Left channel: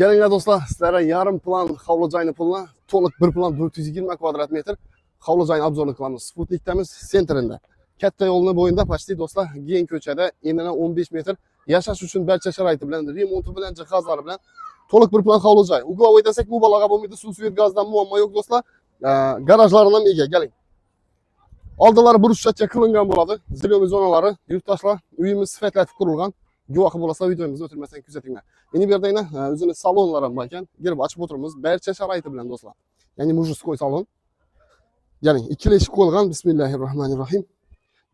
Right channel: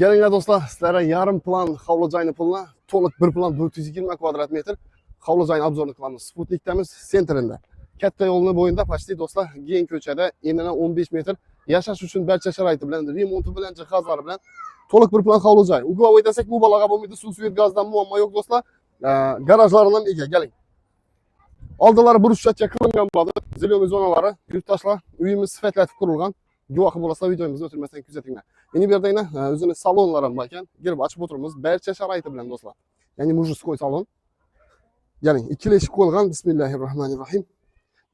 Gelinglar do'stlar, sizlarga yarim plan hovli joyni pulini to'liq bir plan 420 kvadrat metr hovli joyini obzorni qilamiz. Sputnikdamiz sentrida. Katta yo'lni bo'yida pastda do'stlar, keng ko'chada enidan 15 metr yashash uchun barcha sharoiti bilan, remonti bilan, jihozlari bilan to'liq bir plan hovli joy. Uglovoy desak mubolag'a bo'lmaydi, suv svet gazdan muammo yo'q do'stlar. Garajlari ham ega, keling. Oldilari burchakcha qilingan bo'ladi. Zilyomi zonalari, yurtdoshlar, uyimiz sifatlatib qurilgan. Guvohi bo'lsa videomizni o'tirmasdan kuzatinglar. Endi bu yerda o'zini salonlar ham bor ekan. Girib ochib o'tiramiz. Barcha sharoiti bilan do'stlar. Ya'ni mujizko'y salon. Ya'ni ikkala eshik qo'yilgan. Bismillahirrohmanirrohim.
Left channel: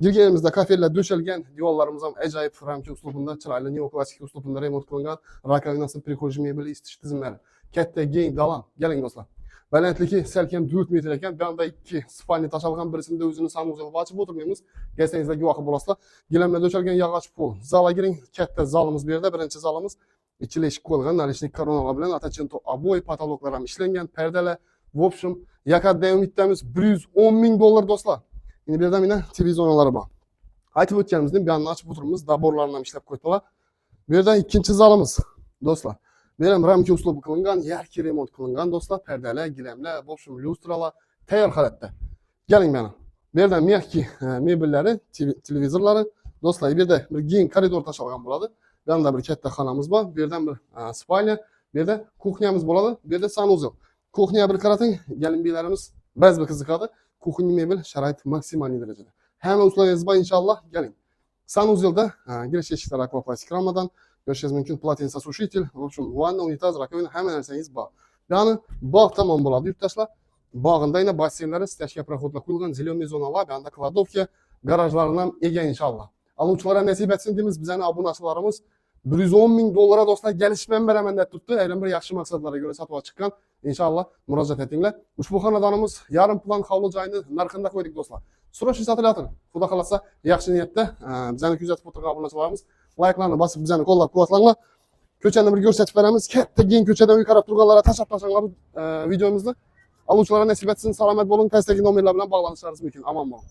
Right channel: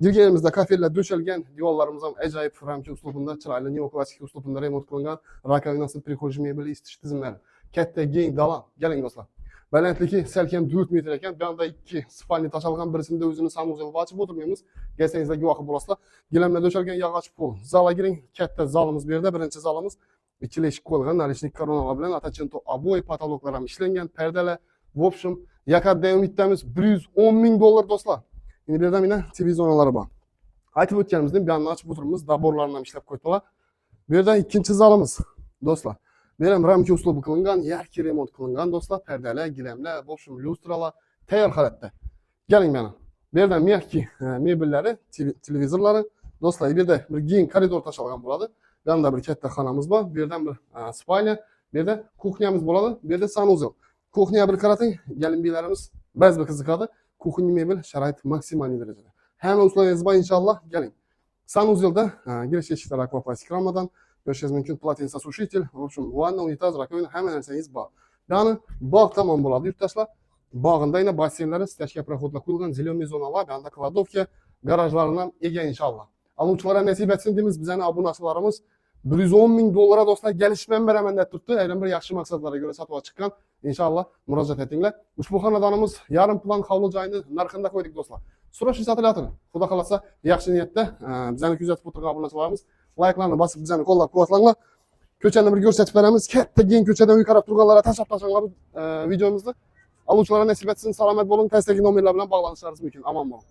Girganimizda kafellar döşelgen, diyorlarımız ham ajoyib ramka uslubida, chiroyli neoklasik uslubida remont qilingan. Rakovinasi, prixожий mebeli, isitish tizimlari. Katta keng dalam. Keling do'stlar. Balandligi salkam 4 metr ekan. Bu yerda ikki spalni tashalgan, birisida o'zini sanuzel ochib o'tirmaymiz. Kelsangizlar guvohi bo'lasizlar. Gilamlar döşelgen yog'och pol. Zalga giring. Katta zalimiz bu yerda, birinchi zalimiz. Ikkala eshik qo'yilgan, narishlik koronalar bilan atachinto oboi patologlar ham ishlangan, perdalar. В общем, yakaddan bittamiz $110 ming do'stlar. Endi bu yerda mana televizorlari bor. Aytib o'tganimizdek, bu yerni ochib o'tiramiz, daborlarni ham ishlab qo'yibdilar. Bu yerda ikkinchi zalimiz do'stlar. Bu ham ramka uslubi qilingan, yaxshi remont qilingan do'stlar, perdalar, gilamlar, в общем, lyustralar tayyor holatda. Keling mana. Bu yerda mehki mebellari, televizorlari do'stlar, bu yerda bir keng koridor tashalgan bo'ladi. Bu yerda bir katta xonamiz bor, bu yerda bir spalnya, bu yerda kuxnyamiz bo'ladi, bu yerda sanuzel. Kuxnyaga bir qarating, galimbilarimiz ba'zi bir qiziqadi. Kuxnya mebel sharoit maksimal darajada. Hamma uslaringiz bor inshaalloh, keling. Sanuzelda girish eshiklari akvaplastik ramadan, ko'rishingiz mumkin полотенце сушитель, в общем, vanna, unitaz, rakovina, hamma narsangiz bor. Ya'ni bog' tomon bo'ladi, yurtdoshlar. Bog'inda yana basseynlari, stachka проходlar qo'yilgan, zеленый zonalar, bu yerda kladovka, garajlarni ham ega inshaalloh. Aluvchilarga nasib etsin deymiz, bizning obunachilarimiz $110 ming do'stlar gelişmem beraber deb turibdi. Ayrim bir yaxshi maqsadlarga ko'ra sotib chiqqan. İnşallah murojaat etinglar. Ushbu xonadonimiz yarim plan hovli joyini narxida qo'ydik do'stlar. Surash sotiladir. Xudo xolasa yaxshi niyatda bizani kuzatib o'tirgan obunachilarimiz like'larni bosib bizani qo'llab-quvvatlanglar. Ko'chani bir ko'rsatib beramiz. Katta keng ko'chadan uy qarab turganlarga tashlab tashlangan videomizni. Aluvchilarga nasib etsin, salomat bo'ling. Pastdagi nomerlar bilan bog'lanishlaringiz mumkin. Omon bo'ling.